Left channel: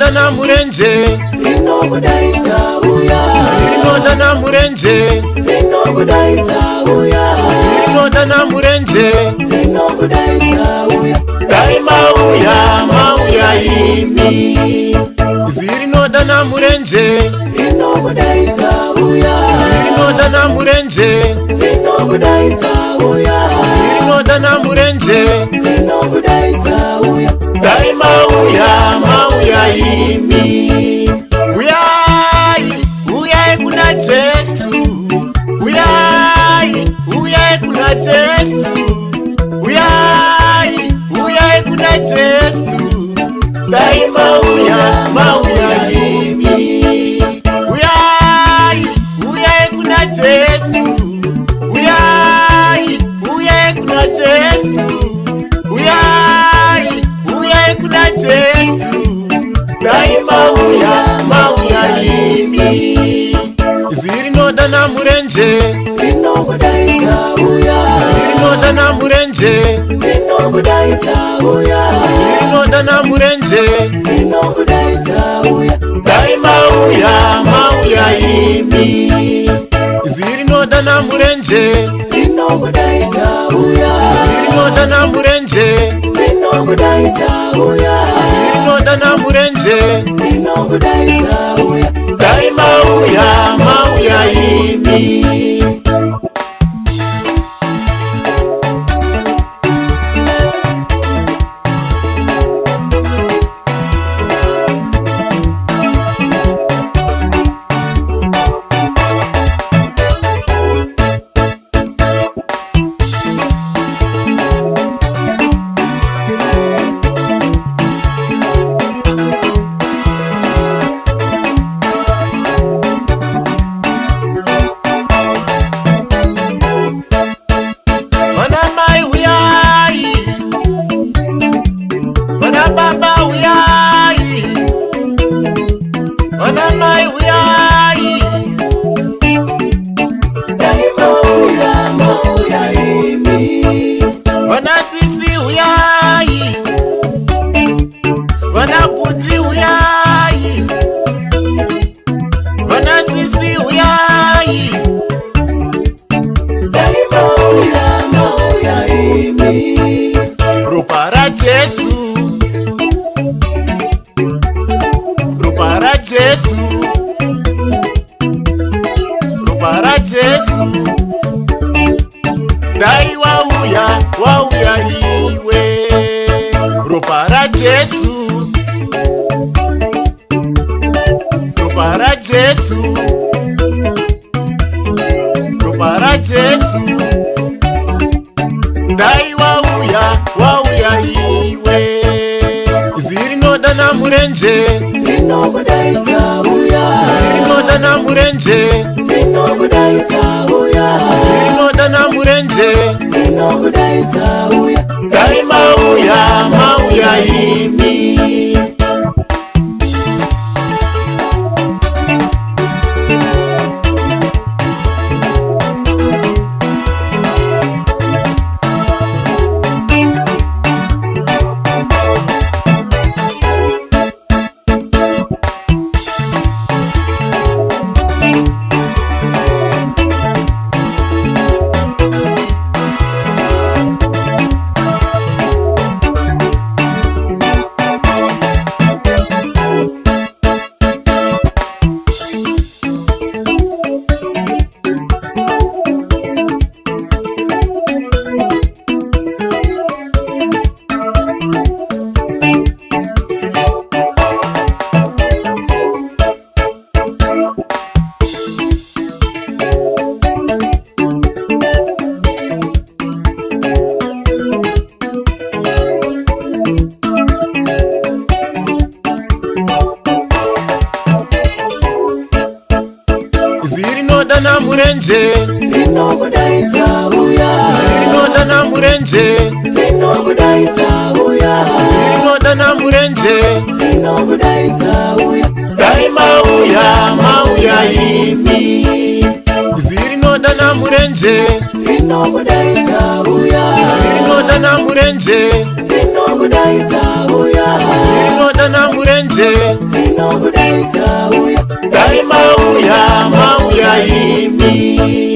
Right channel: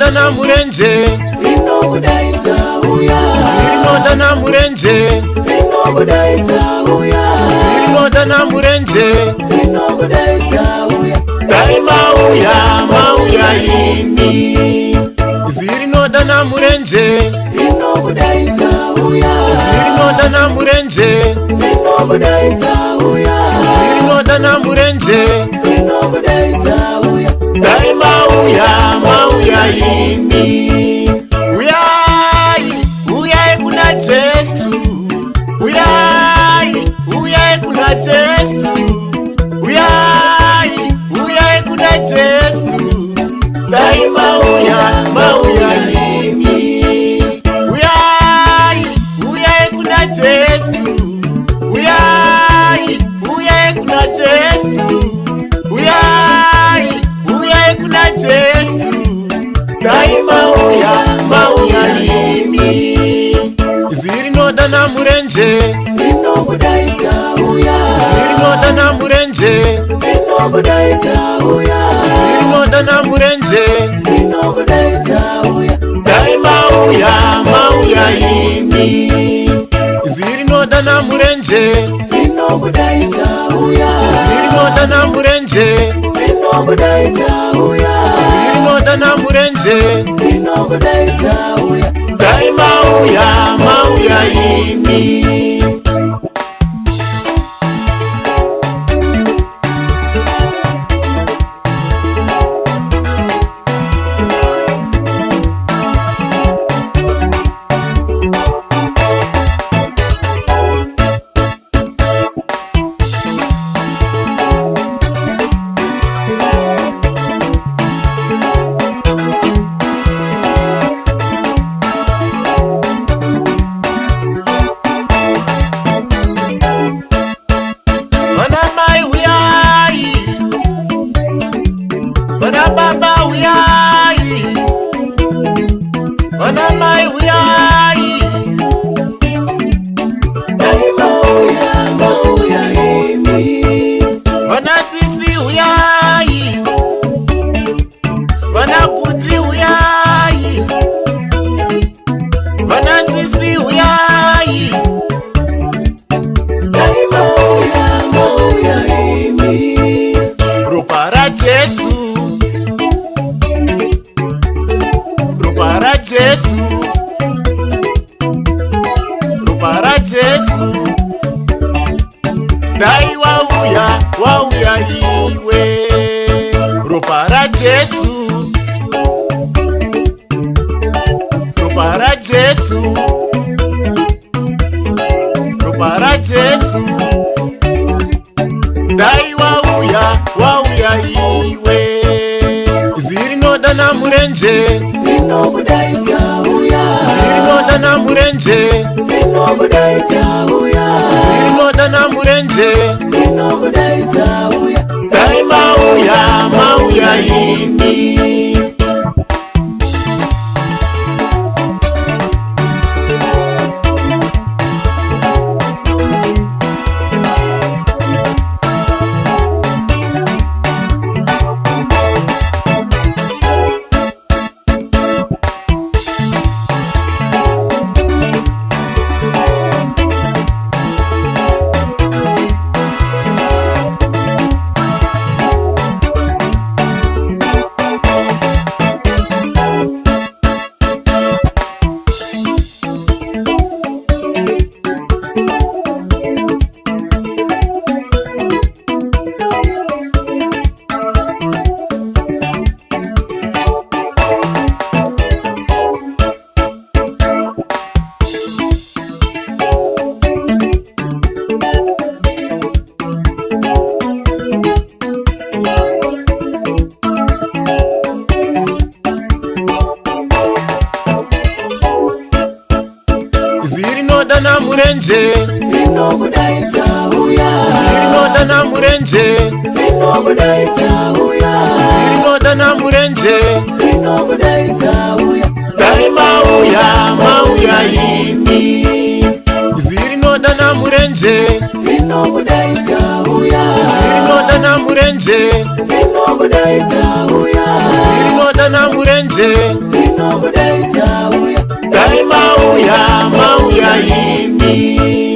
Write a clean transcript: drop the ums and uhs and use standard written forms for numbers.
Zirinoda na murenje, zirinoda na murenje, zirinoda na murenje. Dai mauya imi. Zirinoda na murenje, zirinoda na murenje, zirinoda na murenje. Dai mauya imi. Uyai kuna Jesu. Uyai kuna Jesu. Uyai kuna Jesu. Dai mauya imi. Uyai kuna Jesu. Uyai kuna Jesu. Uyai kuna Jesu. Dai mauya imi. Zirinoda na murenje, zirinoda na murenje, zirinoda na murenje. Dai mauya imi. Zirinoda na murenje, zirinoda na murenje, zirinoda na murenje. Dai mauya imi. Baba uyai, wana mai uyai. Wana sisi uyai, wana puti uyai, wana sisi uyai. Rupara Jesu, rupara Jesu, rupara Jesu. Dai wauya iwe. Rupara Jesu, rupara Jesu, rupara Jesu. Dai wauya iwe. Zirinoda na murenje, zirinoda na murenje, zirinoda na murenje. Dai mauya imi. Zirinoda na murenje, zirinoda na murenje, zirinoda na murenje. Dai mauya imi. Zirinoda na murenje, zirinoda na murenje, zirinoda dana murenje dai mauya yimi